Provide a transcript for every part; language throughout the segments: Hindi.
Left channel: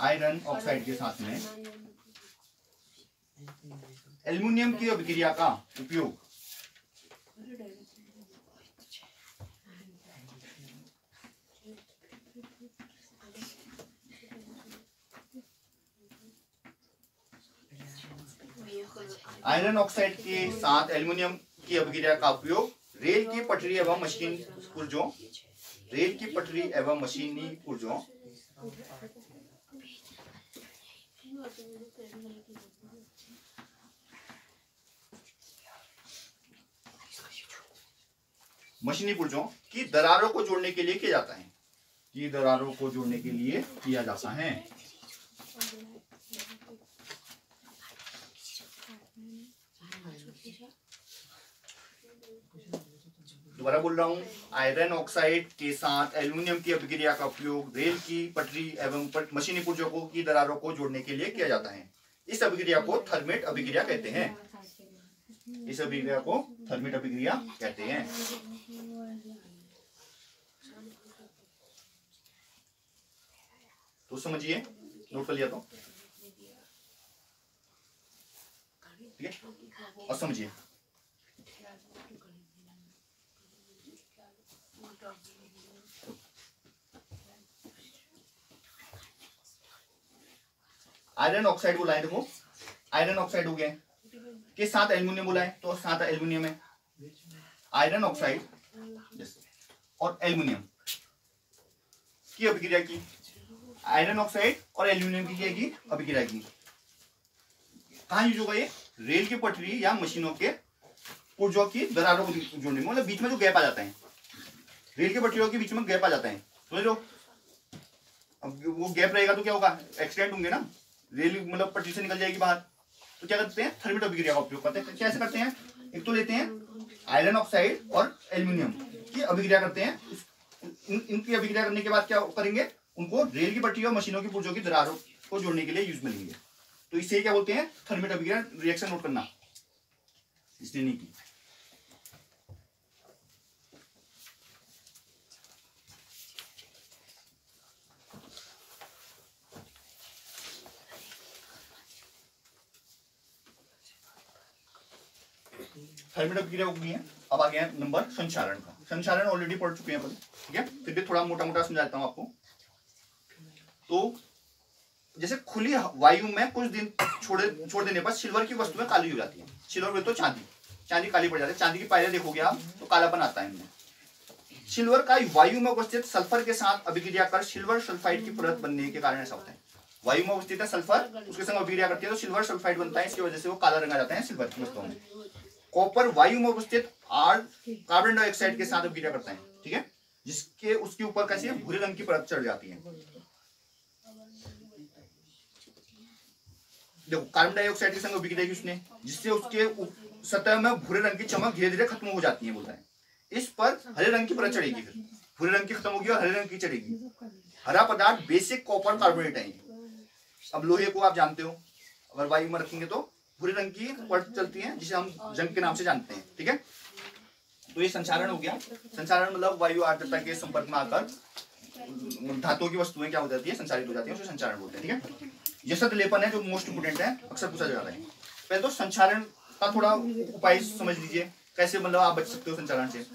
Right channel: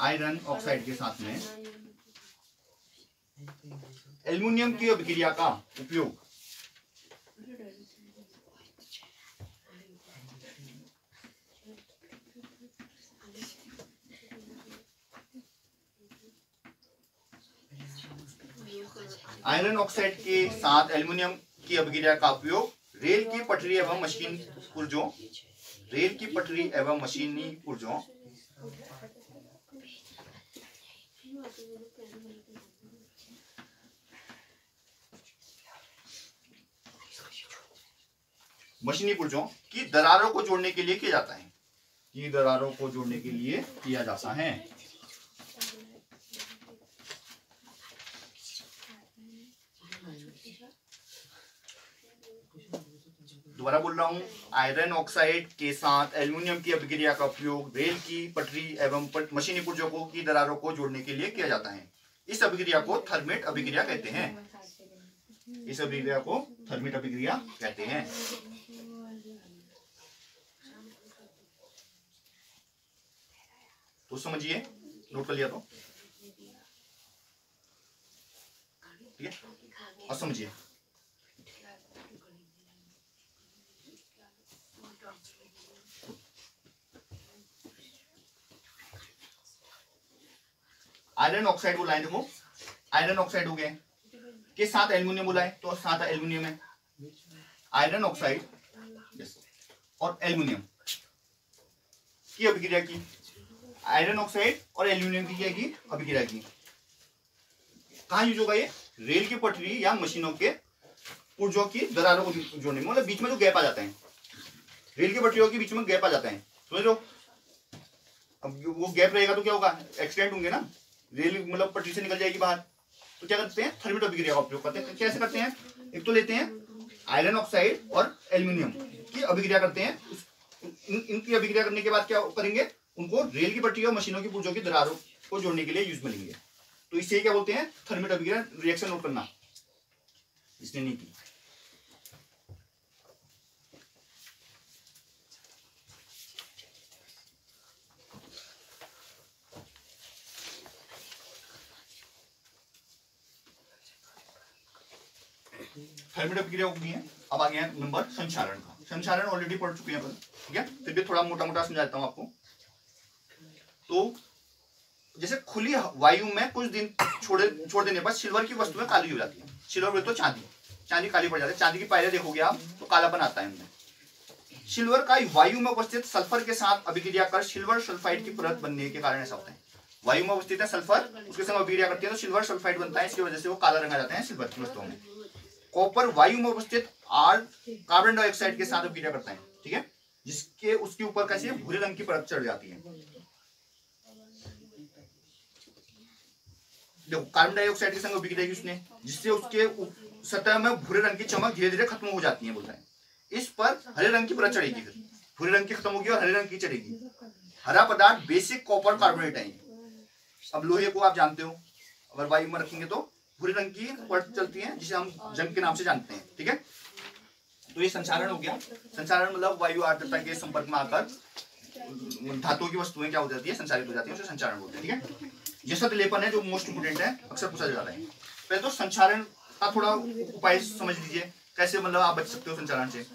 आयरन ऑक्साइड के साथ में एल्युमिनियम की अभिक्रिया का उपयोग आयरन ऑक्साइड के साथ एल्युमिनियम की अभिक्रिया का उपयोग रेल की पटरी एवं मशीनी पुर्जों की दरारों को जोड़ने के लिए किया जाता है। दोबारा बोल रहा हूं, आयरन ऑक्साइड के साथ एल्युमिनियम की अभिक्रिया का उपयोग रेल की पटरी एवं मशीनी पुर्जों की दरारों को जोड़ने के लिए किया जाता है। इस अभिक्रिया को थर्मेट अभिक्रिया कहते हैं। तो समझिए, नोट कर लिया तो ठीक है। और समझिए, आयरन ऑक्साइड बोला है, देखो आयरन ऑक्साइड हो गया के साथ एल्युमिनियम बोला है, तो साथ एल्युमिनियम है। आयरन ऑक्साइड और एल्युमिनियम की अभिक्रिया की, आयरन ऑक्साइड और एल्युमिनियम की अभिक्रिया की कहां यूज होगा? ये रेल की पटरी या मशीनों के पुर्जों की दरारों को जोड़ने में, मतलब बीच में जो गैप आ जाता है, रेल की पटरियों के बीच में गैप आ जाता है, तो जो अब वो गैप रहेगा तो क्या होगा? एक्सीडेंट होंगे ना, रेल मतलब पटरी से निकल जाएगी बाहर। तो क्या करते हैं? थर्मेट अभिक्रिया का उपयोग करते हैं। कैसे करते हैं? एक तो लेते हैं आयरन ऑक्साइड और एल्युमिनियम की अभिक्रिया करते हैं, इनकी अभिक्रिया करने के बाद क्या करेंगे? उनको रेल की पटरी और मशीनों की पुर्जों की दरारों को जोड़ने के लिए यूज में लेंगे। तो इससे क्या बोलते हैं? थर्मेट अभिक्रिया। रिएक्शन नोट करना इसने नहीं की। थर्मेट अभिक्रिया हो गई है। अब आ गया नंबर संचारण का। संचारण ऑलरेडी पढ़ चुके हैं अपन, ठीक है, फिर भी थोड़ा मोटा मोटा समझा देता हूं आपको। तो जैसे खुली वायु में कुछ दिन छोड़ देने पर सिल्वर की वस्तुएं काली हो जाती है। सिल्वर तो चांदी काली पड़ जाती है। चांदी की पायरें देखोगे आप तो कालापन आता है उनमें। सिल्वर का वायु में उपस्थित सल्फर के साथ अभिक्रिया कर सिल्वर सल्फाइड की परत बनने के कारण ऐसा होता है। वायु में उपस्थित है सल्फर, उसके साथ अभिक्रिया करती है तो सिल्वर सल्फाइड बनता है। इसकी वजह से वो काला रंग आ जाता है सिल्वर की वस्तुओं में। कॉपर वायु में उपस्थित कार्बन डाइऑक्साइड के साथ अभिक्रिया करता है, ठीक है, जिसके उसके ऊपर कैसी भूरे रंग की परत चढ़ जाती है। देखो कार्बन डाइऑक्साइड के संग अभिक्रिया की उसने, जिससे उसके सतह में भूरे रंग की चमक धीरे धीरे खत्म हो जाती है, बोलता है। इस पर हरे रंग की परत चढ़ेगी, फिर भूरे रंग की खत्म होगी और हरे रंग की चढ़ेगी। हरा पदार्थ बेसिक कॉपर कार्बोनेट है। अब लोहे को आप जानते हो, अगर वायु में रखेंगे तो भूरे रंग की परत चलती है, जिसे हम जंग के नाम से जानते हैं, ठीक है। तो ये संचारण हो गया। संचारण मतलब वायु आर्द्रता के संपर्क में आकर धातुओं की वस्तुएं क्या हो जाती है? संचारित हो जाती है, उसे संचारण बोलते हैं, ठीक है। जैसा लेपन है जो मोस्ट इंपोर्टेंट है, अक्सर पूछा जाता है। पहले तो संचारण का थोड़ा उपाय समझ लीजिए, कैसे मतलब आप बच सकते हो संचारण से।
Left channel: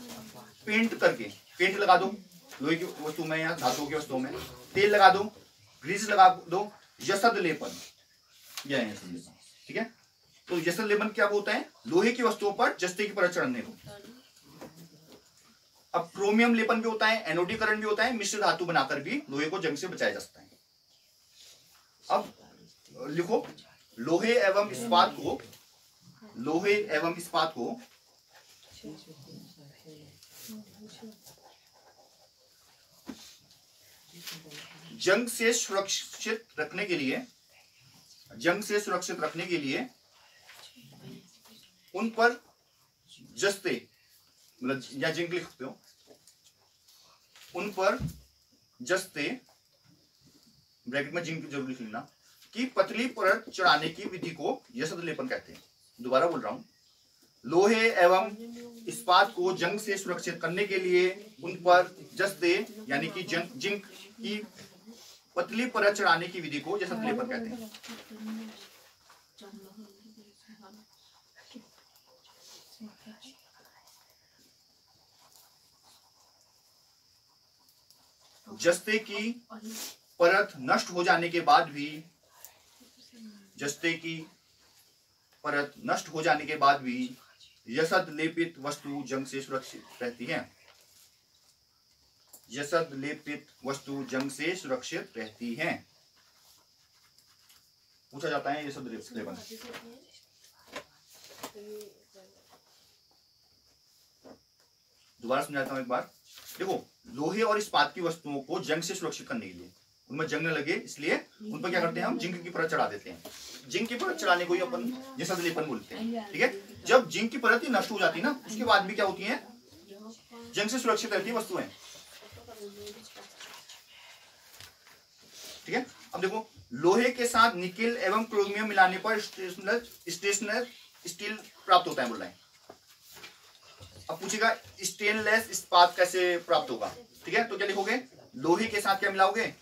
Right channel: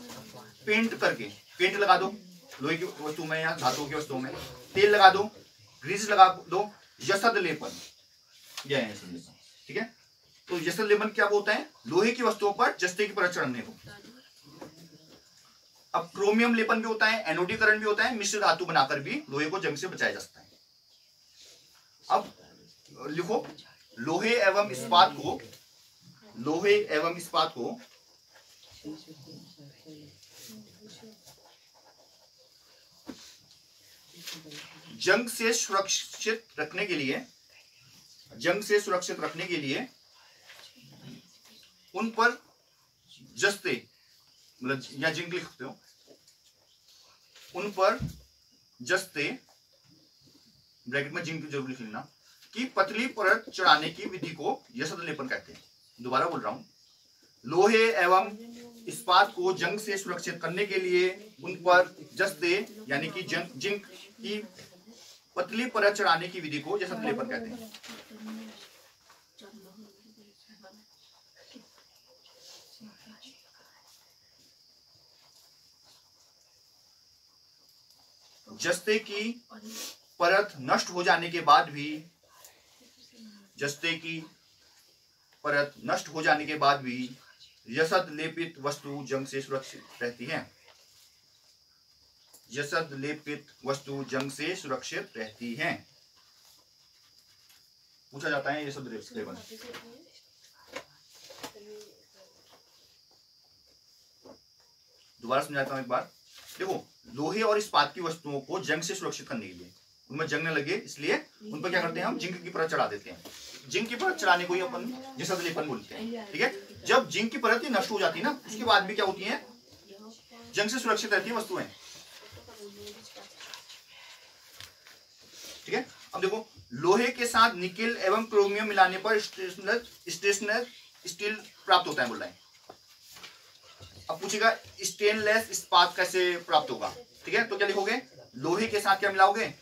पेंट करके, पेंट लगा दो लोहे की वस्तु में या धातुओं की वस्तुओं में, तेल लगा दो, ग्रीस लगा दो, जसद लेपन, यह है संदेश, ठीक है। तो जसद लेपन क्या होता है? लोहे की वस्तुओं पर जस्ते की परत चढ़ने को। अब क्रोमियम लेपन भी होता है, एनोडीकरण भी होता है, मिश्र धातु बनाकर भी लोहे को जंग से बचाया जा सकता है। अब लिखो, लोहे एवं इस्पात को जंग से सुरक्षित रखने के लिए उन पर जस्ते, मतलब या जिंक लिख सकते हो, उन पर जस्ते ब्रैकेट में जिंक जरूर लिख लेना कि पतली परत चढ़ाने की विधि को जसद लेपन कहते हैं। दोबारा बोल रहा हूं, लोहे एवं इस्पात को जंग से सुरक्षित करने के लिए उन पर जस्ते यानी कि जिंक की पतली परत चढ़ाने की विधि को जसत लेपन कहते हैं। जस्ते की परत नष्ट हो जाने के बाद भी, जस्ते की परत नष्ट हो जाने के बाद भी यसद लेपित वस्तु जंग से सुरक्षित रहती है। यसद लेपित वस्तु जंग से सुरक्षित रहती है। पूछा जाता है यसद लेपन। दोबारा समझाता हूं एक बार। देखो, लोहे और इस्पात की वस्तुओं को जंग से सुरक्षित करने के लिए, उनमें जंग न लगे इसलिए उन पर क्या करते हैं हम, जिंक की परत चढ़ा देते हैं। जिंक की परत चढ़ाने को ही अपन यसद लेपन बोलते हैं। ठीक है, जब जिंक की परत नष्ट हो जाती है ना, उसके बाद भी क्या होती है, जंग से सुरक्षित रहती है वस्तुएं। ठीक है, अब देखो, लोहे के साथ निकेल एवं क्रोमियम मिलाने पर स्टेनलेस स्टील प्राप्त होता है बोल रहा है। अब पूछेगा स्टेनलेस इस्पात कैसे प्राप्त होगा। ठीक है, तो क्या लिखोगे, लोहे के साथ क्या मिलाओगे,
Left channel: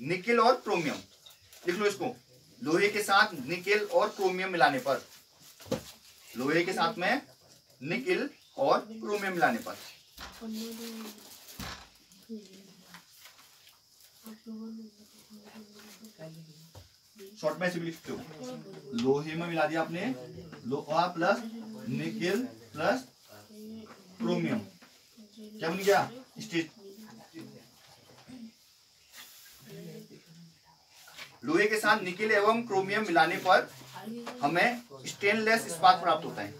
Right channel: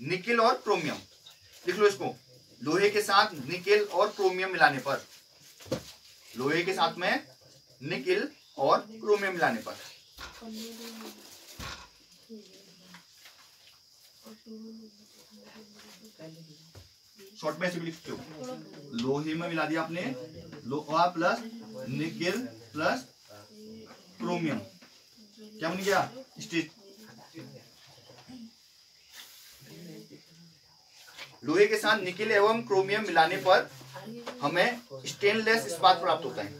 निकेल और क्रोमियम। लिख लो इसको, लोहे के साथ निकेल और क्रोमियम मिलाने पर, लोहे के साथ में निकेल और क्रोमियम मिलाने पर। शॉर्ट में ऐसे भी लिखते हो, लोहे में मिला दिया आपने लोहा प्लस निकेल प्लस क्रोमियम, क्या बन गया, स्टील। लोहे के साथ निकेल एवं क्रोमियम मिलाने पर हमें स्टेनलेस इस्पात प्राप्त होता है।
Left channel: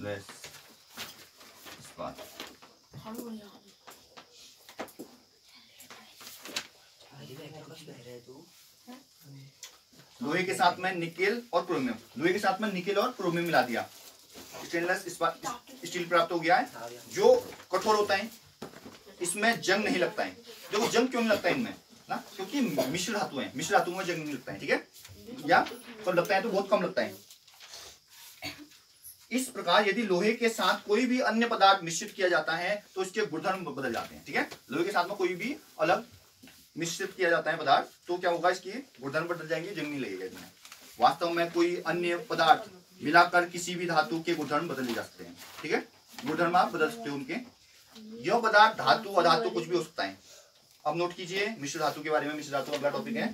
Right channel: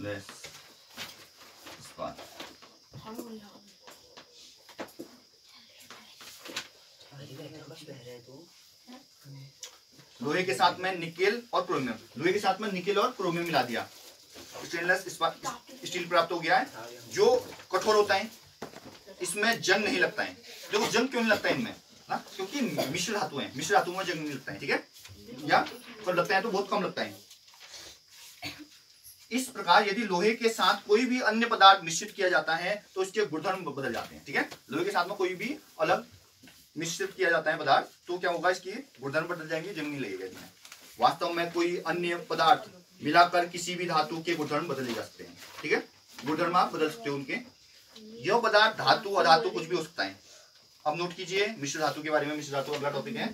लेस इस्पात। लोहे के साथ में निकेल और क्रोमियम, लोहे के साथ में निकेल और क्रोमियम मिला दिया, स्टेनलेस इस्पात स्टील प्राप्त हो गया है, जो कठोर होता है, इसमें जंग नहीं लगता है। देखो, जंग क्यों नहीं लगता है इनमें, क्योंकि मिश्र धातु है, मिश्र धातु में जंग नहीं लगता है। ठीक है, या कम लगता है तो बहुत कम लगता है। इस प्रकार यदि लोहे के साथ कोई भी अन्य पदार्थ मिश्रित किया जाता है तो इसके गुणधर्म बदल जाते हैं। ठीक है, लोहे के साथ में कोई भी अलग मिश्रित किया जाता है पदार्थ तो क्या होगा, इसकी गुणधर्म बदल जाएंगे, जंग नहीं लगेगा इसमें। वास्तव में कोई अन्य पदार्थ मिलाकर किसी भी धातु के गुणधर्म बदले जा सकते हैं। ठीक है, गुणधर्म आप बदल सकते हो उनके। यह पदार्थ धातु अधातु कुछ भी हो सकता है। अब नोट कीजिए मिश्र धातु के बारे में। मिश्र धातु अगला टॉपिक है।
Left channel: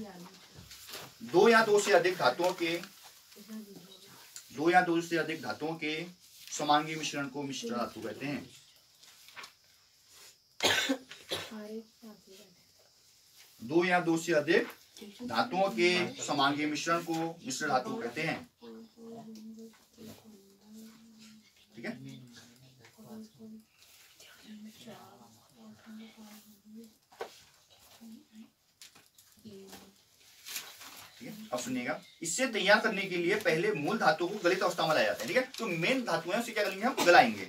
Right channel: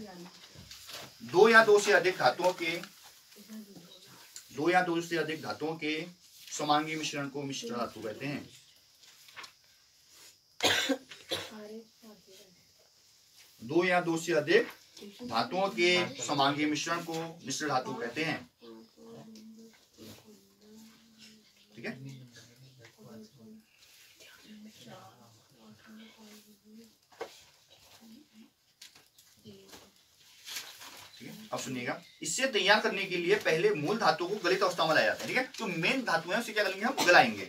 दो या दो से अधिक धातुओं के समांगी मिश्रण को मिश्र धातु कहते हैं। दो या दो से अधिक धातुओं के समांगी मिश्रण को मिश्र धातु कहते हैं। ठीक है, अब सुनिएगा, इसे तैयार करने के लिए पहले मूल धातु को गलित अवस्था में लाया जाता है। ठीक है, जो मेन धातु है उसे क्या करेंगे, हम गलाएंगे।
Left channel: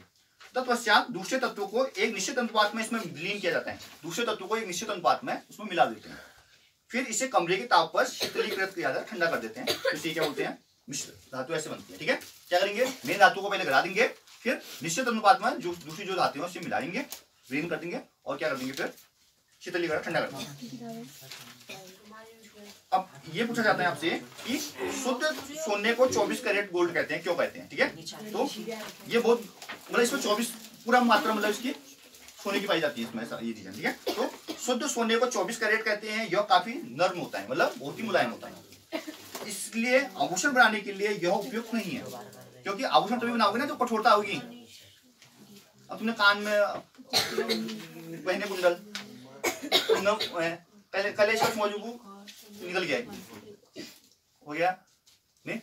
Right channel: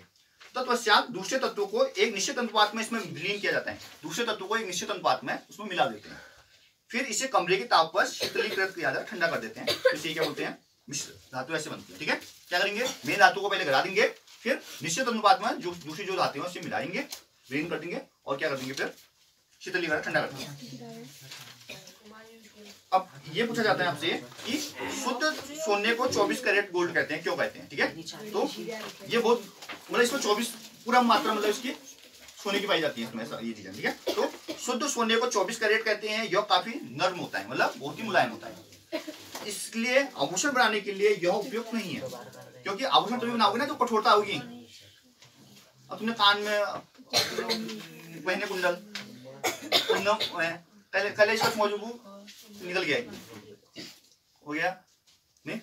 तत्पश्चात दूसरे तत्वों को एक निश्चित अनुपात में इसमें विलीन किया जाता है। दूसरे तत्वों को एक निश्चित अनुपात में उसमें मिला देते हैं। फिर इसे कमरे की ताप पर शीतलीकृत किया जाता है, ठंडा कर देते हैं। तो इसे क्या बोलते हैं, मिश्र धातु ऐसे बनती है। ठीक है, क्या करेंगे, मेन धातु को पहले गला देंगे, फिर निश्चित अनुपात में जो दूसरी जो धातु है उसे मिलाएंगे, विलीन कर देंगे और क्या कर देंगे, फिर शीतलीकरण ठंडा कर देंगे। अब ये पूछा जाता है आपसे कि शुद्ध सोने को 24 कैरेट गोल्ड कहते हैं, क्यों कहते हैं। ठीक है, तो ये बहुत मतलब इसमें 24 पूरा मात्रा मतलब इसकी सोने की पाई जाती है इसमें, ये चीजें। ठीक है, तो शुद्ध सोने को 24 कैरेट कहते हैं। यह काफी नर्म होता है, मतलब बहुत ही मुलायम होता है, इसलिए आभूषण बनाने के लिए यह उपयुक्त नहीं है। क्योंकि आभूषण तभी बनाओगे ना तो कठोरता होगी। अब तुमने कान में पहने कुंडल, कल इसका मौजूद निकल गया, हो गया नहीं,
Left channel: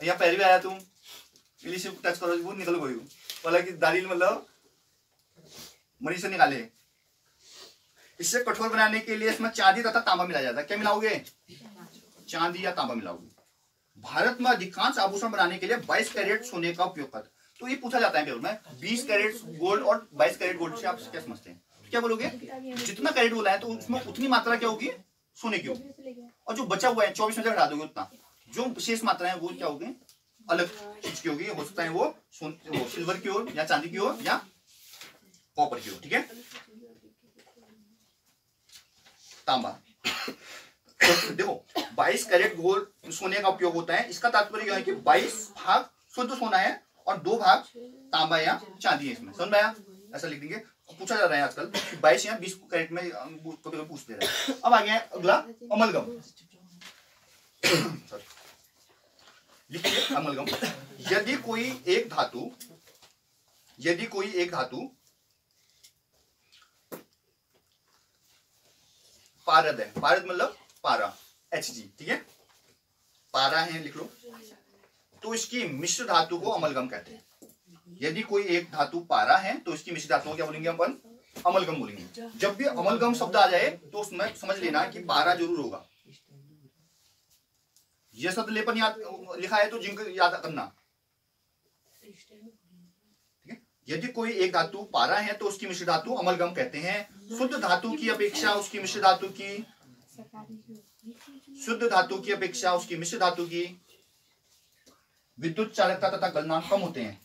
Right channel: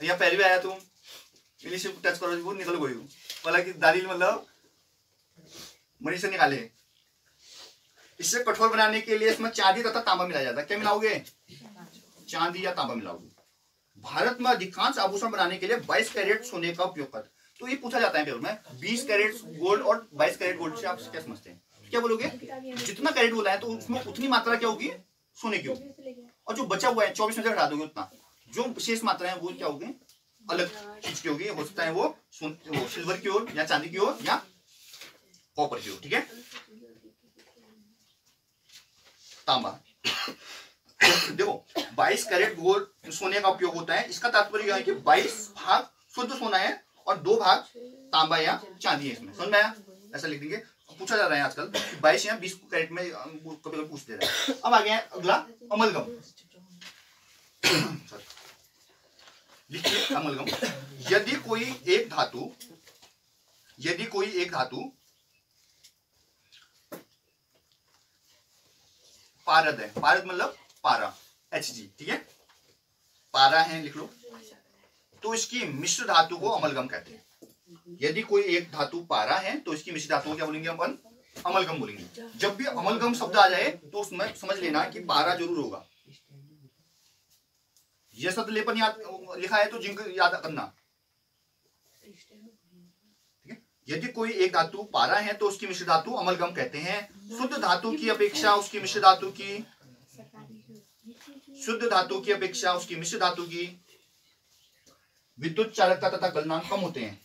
यहाँ पहले भी आया तुम इंग्लिश टच करो वो निकल गई, बोला कि दाढ़ी मतलब मरीज से निकाले। इससे कठोर बनाने के लिए इसमें चांदी तथा तांबा मिलाया जाता है। क्या मिलाओगे, चांदी या तांबा मिलाओगे। भारत में अधिकांश आभूषण बनाने के लिए 22 कैरेट सोने का उपयोग करते। तो ये पूछा जाता है पेपर में, 20 कैरेट गोल्ड और 22 कैरेट गोल्ड से आप क्या समझते हैं, क्या बोलोगे, जितना कैरेट बोला है तो उसमें उतनी मात्रा क्या होगी, सोने की होगी, और जो बचा हुआ है 24 में से हटा दोगे उतना, जो शेष मात्रा है वो क्या होगी, अलग चीज की होगी। हो सकता है वो सिल्वर की हो या चांदी की हो या कॉपर की हो, ठीक है। तांबा, देखो 22 कैरेट गोल्ड सोने का उपयोग होता है। इसका तात्पर्य यह है कि 22 भाग शुद्ध सोना है और 2 भाग तांबा या चांदी है इसमें, समझ में आया? ऐसा लिख देंगे। पूछा जा रहा है आजकल 22 या 20 कैरेट में कभी पूछ दे रहे हैं। अब आ गया अगला अमलगम। लिखिए अमलगम। यदि कोई एक धातु पारद है, पारद मतलब पारा, Hg, ठीक है, पारा है लिख लो, तो इसकी मिश्र धातु को अमलगम कहते हैं। यदि कोई एक धातु पारा है तो इसकी मिश्र धातु को क्या बोलेंगे अपन? अमलगम बोलेंगे। जब भी अमलगम शब्द आ जाए तो उसमें समझ लेना कि पारा जरूर होगा। यह शब्द लेपन याद लिखा है तो जिंक याद करना, ठीक है। यदि कोई एक धातु पारा है तो उसकी मिश्र धातु अमलगम कहते हैं। शुद्ध धातु की अपेक्षा उसकी मिश्र धातु की विद्युत चालकता तथा गलनांक कम होते हैं।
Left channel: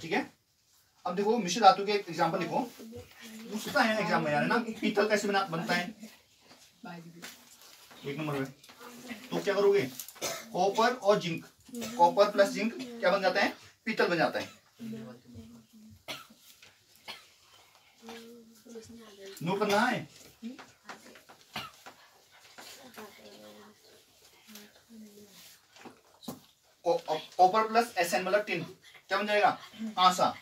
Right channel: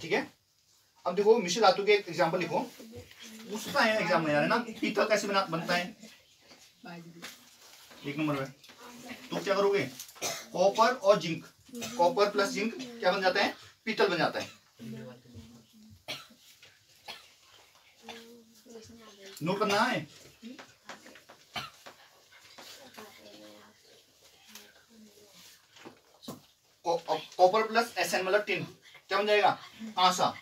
ठीक है। अब देखो मिश्र धातु के एग्जांपल लिखो, पूछता है एग्जाम में, ना पीतल कैसे बनता है? 1 नंबर में तो क्या करोगे? कॉपर और जिंक, कॉपर प्लस जिंक क्या बन जाता है? पीतल बन जाता है। नोट करना है। कॉपर प्लस Sn मतलब टिन, क्या बन जाएगा? आसा।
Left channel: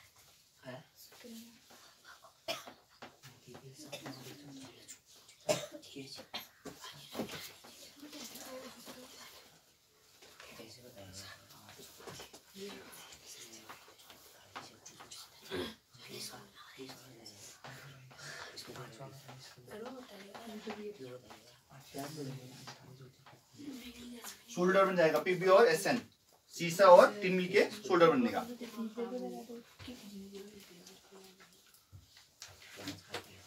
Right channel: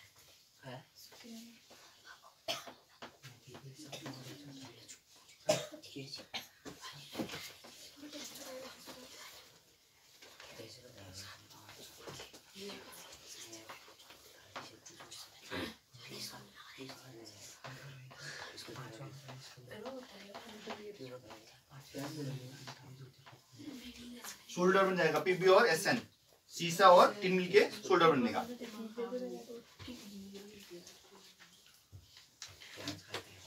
सोल्डर बन जाएगा, Pb और Sn, सीसा और टिन मिलके सोल्डर बनेगा।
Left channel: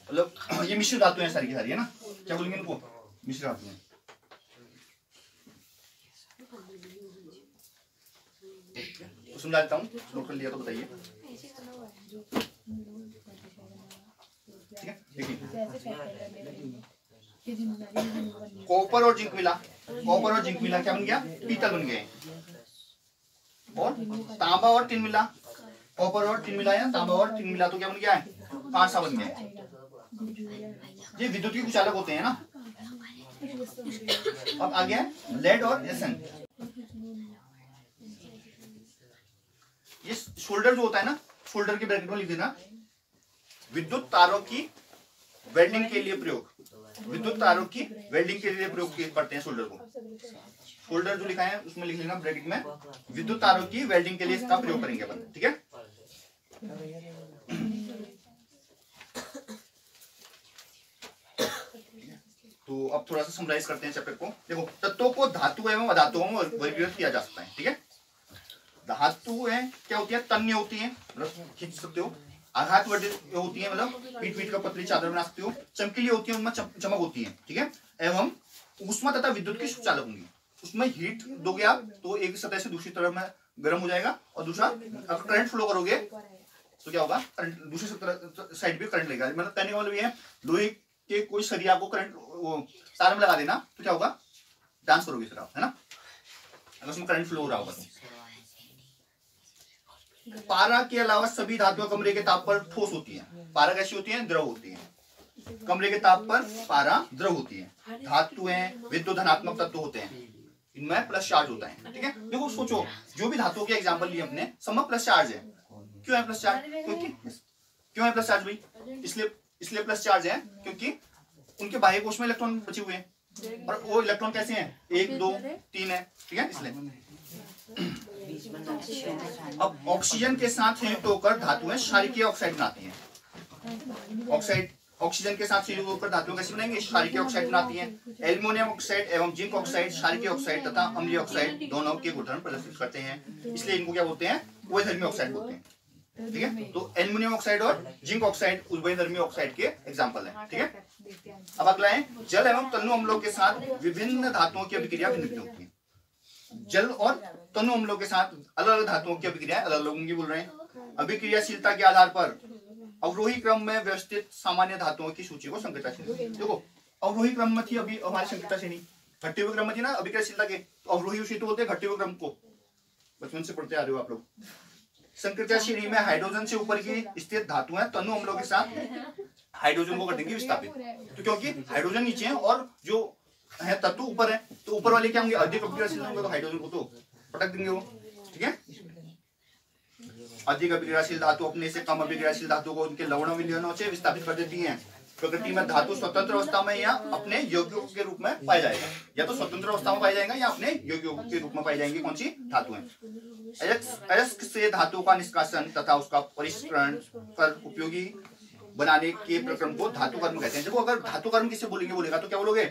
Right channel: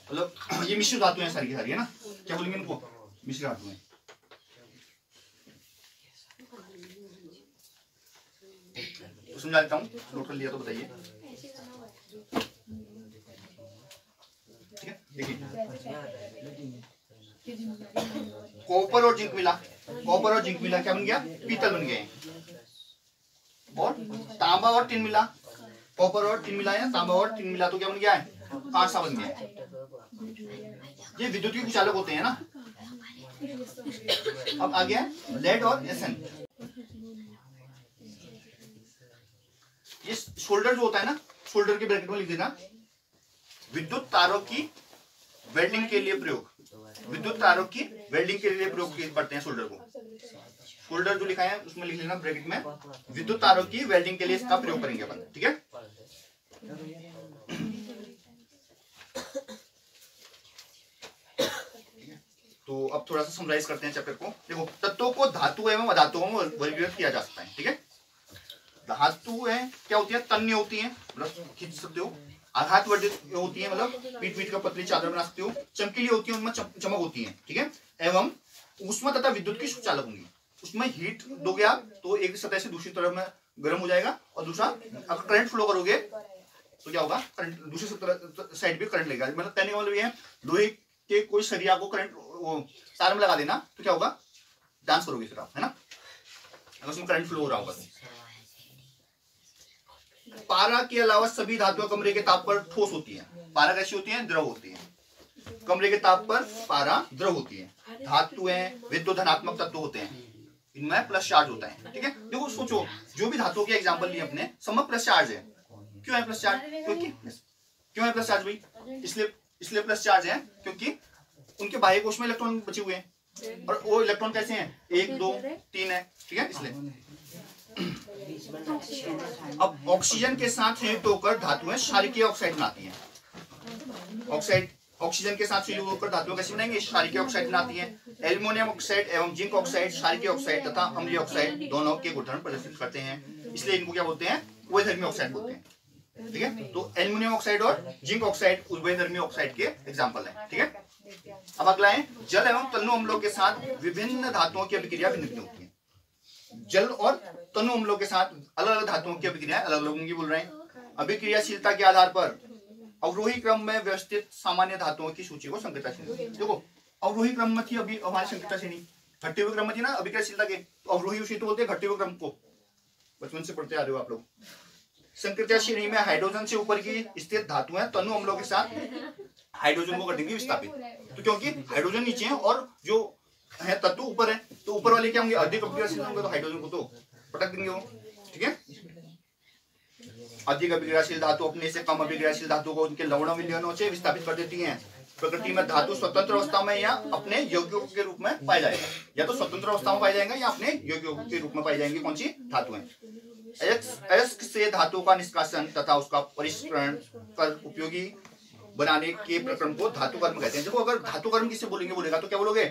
मतलब ये मिश्र धातु है सारी की सारी, है ना? क्या बोलेंगे इनको? मिश्र धातु है। समझा देता हूँ, नोट कर लिया तो बताइए। ठीक है, देखिए कॉपर और जिंक मिला, क्या बन गया? पीतल बन गए। और तांबा और टिन मिला, कॉपर और टिन मिला है, तांबा और टिन मिला तो क्या बन गया है? कांसा बन गया। ये विद्युत के चालक होते हैं ना। अब आ गया लेड और Sn। ये शोल्डर जो होता है ना, शोल्डर के ब्रैकेट में लिख देना विद्युत तारों की वेल्डिंग के लिए प्रयोग, करते हैं शोल्डर को। शोल्डर जो लिखा है उसमें लिख लेना ब्रैकेट में विद्युत तारों की वेल्डिंग के लिए इसका प्रयोग करेंगे अपन, ठीक है। तो अब थोड़ा सा समराइज करते हैं चैप्टर को। देखो तत्वों को धातु एवं अधातुओं में वर्गीकृत किया जा सकता है, ठीक है। धातु है क्या होती है? तन्य होती है, मतलब खींच सकते हो। आघात वर्जित होती है, मतलब पीट का पतली चादर बना सकते हो। चमकीली होती है, उनमें चमक होती है, ठीक है। एवं ऊष्मा तथा विद्युत की सुचालक होंगी। उसमें हीट दोगे आप तो एक सतह से दूसरी तरफ में गर्म हो जाएगा, और दूसरा अगर करंट फ्लो करोगे तो क्या होगा? करंट दूसरी साइड भी करंट लगेगा। मतलब कहने का मतलब ये है, लोहे के कोई सरिया को करंट तार में लगा देना तो क्या होगा? डांस करोगे फिर आप, है ना, अगर उसमें करंट फ्लो हो रहा होगा। पारा के अलावा सभी धातुएं कमरे के ताप पर ठोस होती है। पारा कैसी होती है? द्रव होती है। कमरे के ताप पर पारा द्रव होती है। धातुएं विद्युत धनात्मक तत्व होते हैं, इनमें प्लस चार्ज होता है, ठीक है। देखो सोचो, जो भी धातुओं के एग्जांपल लिए अपने, सब में प्लस चार्ज है। क्यों है प्लस चार्ज? क्यों है प्लस चार्ज भाई? इसलिए प्लस चार्ज है क्योंकि उनके बाह्य कोश में इलेक्ट्रॉन बचे हुए हैं, और वो इलेक्ट्रॉन कैसे हैं? 1 2 3 है, ठीक है, इसलिए। अब ऑक्सीजन के साथ संयुक्त होकर धातुएं क्षारीय ऑक्साइड बनाती हैं। ऑक्सीजन के साथ संयुक्त होकर धातुएं कैसे बनाएंगे? क्षारीय ऑक्साइड बनाती हैं। एल्युमिनियम ऑक्साइड एवं जिंक ऑक्साइड क्षारीय ऑक्साइड तथा अम्लीय ऑक्साइड दोनों के गुणधर्म प्रदर्शित करते हैं, इसलिए इनको क्या बोलते हैं? उभयधर्मी ऑक्साइड बोलते हैं, ठीक है। तो एल्युमिनियम ऑक्साइड और जिंक ऑक्साइड उभयधर्मी ऑक्साइड के एग्जाम्पल है, ठीक है। अब अगला है जल एवं तनु अम्लों के साथ विभिन्न धातुओं की अभिक्रिया भिन्न भिन्न होती है। जल और तनु अम्लों के साथ अलग अलग धातुओं की अभिक्रिया अलग अलग की बोल रहे हैं। अभिक्रियाशीलता के आधार पर अवरोही क्रम में व्यवस्थित सामान्य धातुओं की सूची को संकृता श्रेणी। देखो अवरोही क्रम में थी अभी हमारी संकृता श्रेणी, घटते हुए क्रम में थी ना अभिक्रियाशीलता के, तो अवरोही उसी तो बोलते हैं घटते हुए क्रम को, बचपन से पढ़ते आ रहे हो आप लोग। संकृता श्रेणी में हाइड्रोजन से ऊपर की स्थित धातुएं तनु अम्लों के साथ हाइड्रोजन को कर देंगे विस्थापित, तो क्योंकि हाइड्रोजन नीचे है और जो है तत्व ऊपर है, तो ऊपर वाले क्या होंगे अधिक अभिक्रियाशील होंगे, तो हाइड्रोजन को तो पटक देंगे वो। ठीक है, अधिक अभिक्रियाशील धातु अपने से कम अभिक्रियाशील धातु को उनके लवण विलयनों से विस्थापित कर देती हैं। प्रकृति में धातु स्वतंत्र अवस्था में या अपने यौगिकों के रूप में पाया जाएगा, या तो स्वतंत्र अवस्था में पाया जाएगा या अपने यौगिकों के रूप में पाई जाएंगी। कौन सी धातुएं? अयस्क से धातु का निष्कासन तथा उसका परिष्करण कर उपयोगी बनाने के प्रक्रम को धातु कर्म कहते हैं। देखो अगर धातु कर्म किसे बोलेगा तो क्या बोलोगे?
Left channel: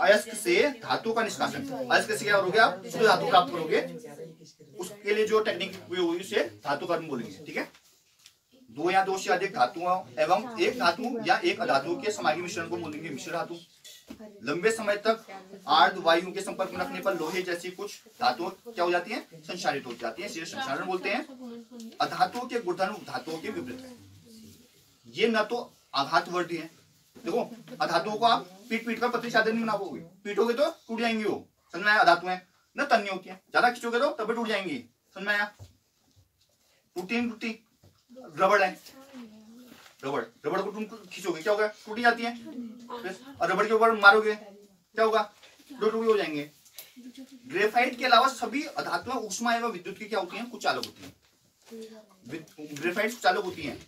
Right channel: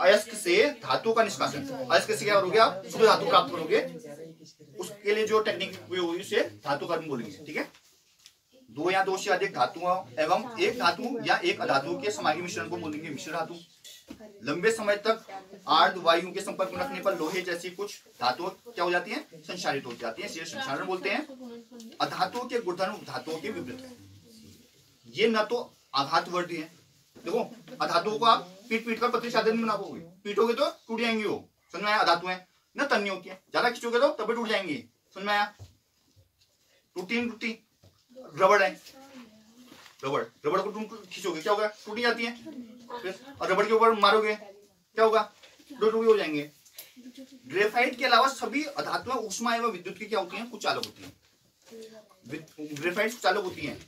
अयस्क से धातु का निष्कासन। अयस्क से क्या करोगे आप? शुद्ध धातु प्राप्त करोगे, उसके लिए जो टेक्निक उपयोग हुई उसे धातु कर्म बोलेंगे। ठीक है, दो या दो से अधिक धातुओं एवं एक धातु या एक अधातु के समागी मिश्रण को बोलेंगे मिश्र धातु। लंबे समय तक आर्द्र वायु के संपर्क में रखने पर लोहे जैसी कुछ धातुओं क्या हो जाती है? संक्षारित हो जाती है, इसे संक्षारण बोलते हैं। अधातुओं के गुणधर्म धातुओं के विपरीत है। ये न तो आघातवर्ती है, देखो अधातुओं को आप पीट पीट कर पतली चादर नहीं बनाओगे, पीटोगे तो टूट जाएंगी वो, समझ में आया? अधातु है न तन्य होती है, ज्यादा खींचोगे तो तभी टूट जाएंगी, समझ में आया? टूटती रबड़ है, रबड़ को खींचोगे क्या होगा? टूटी जाती है। और रबड़ के ऊपर मारोगे क्या होगा? दो टुकड़े हो जाएंगे। ग्रेफाइट के अलावा सभी अधातुएं ऊष्मा एवं विद्युत की क्या होती हैं? कुछ चालक होती हैं। ग्रेफाइट चालक होती हैं,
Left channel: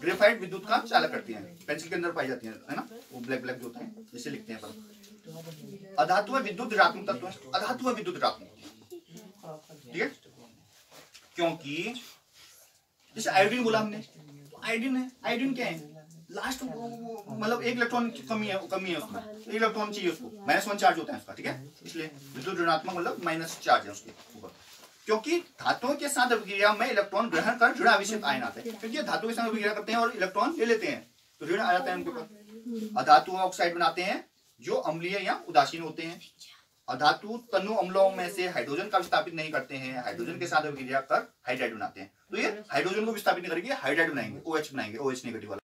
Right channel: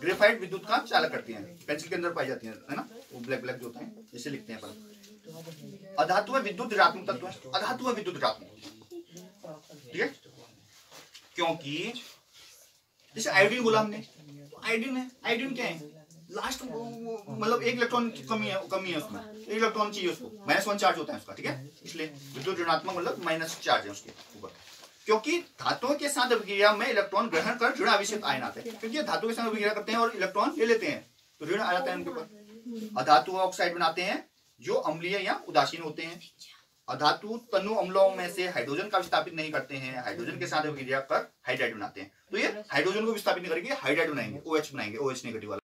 ग्रेफाइट विद्युत का चालक करती हैं, पेंसिल के अंदर पाई जाती हैं, है ना, वो ब्लैक ब्लैक जो होता है जिसे लिखते हैं। अधातु में विद्युत ऋणात्मक तत्व है, अधातु में विद्युत ऋणात्मक। ठीक है, क्योंकि जैसे आयोडीन बोला हमने, आयोडीन है, आयोडीन क्या है? लास्ट मतलब एक इलेक्ट्रॉन कमी है उसमें, एक इलेक्ट्रॉन चाहिए उसको, -1 चार्ज होता है उसका। ठीक है, इसलिए विद्युत ऋणात्मक मतलब माइनस चार्ज है उसके ऊपर, क्योंकि धातुओं के साथ अभिक्रिया में इलेक्ट्रॉन ग्रहण कर ऋण आवेशित आयन आते हैं, क्योंकि धातु के साथ अभिक्रिया करते हैं और इलेक्ट्रॉन ले लेते हैं तो ऋण आ जाता है उनके ऊपर। अधातु ऑक्साइड बनाते हैं जो अम्लीय या उदासीन होते हैं। अधातु तनु अम्लों में से हाइड्रोजन का विस्थापित नहीं करते हैं, हाइड्रोजन के साथ अभिक्रिया कर हाइड्राइड बनाते हैं। तो ये हाइड्रोजन को विस्थापित नहीं करेंगे, हाइड्राइड बनाएंगे, OH बनाएंगे, OH नेगेटिव वाला।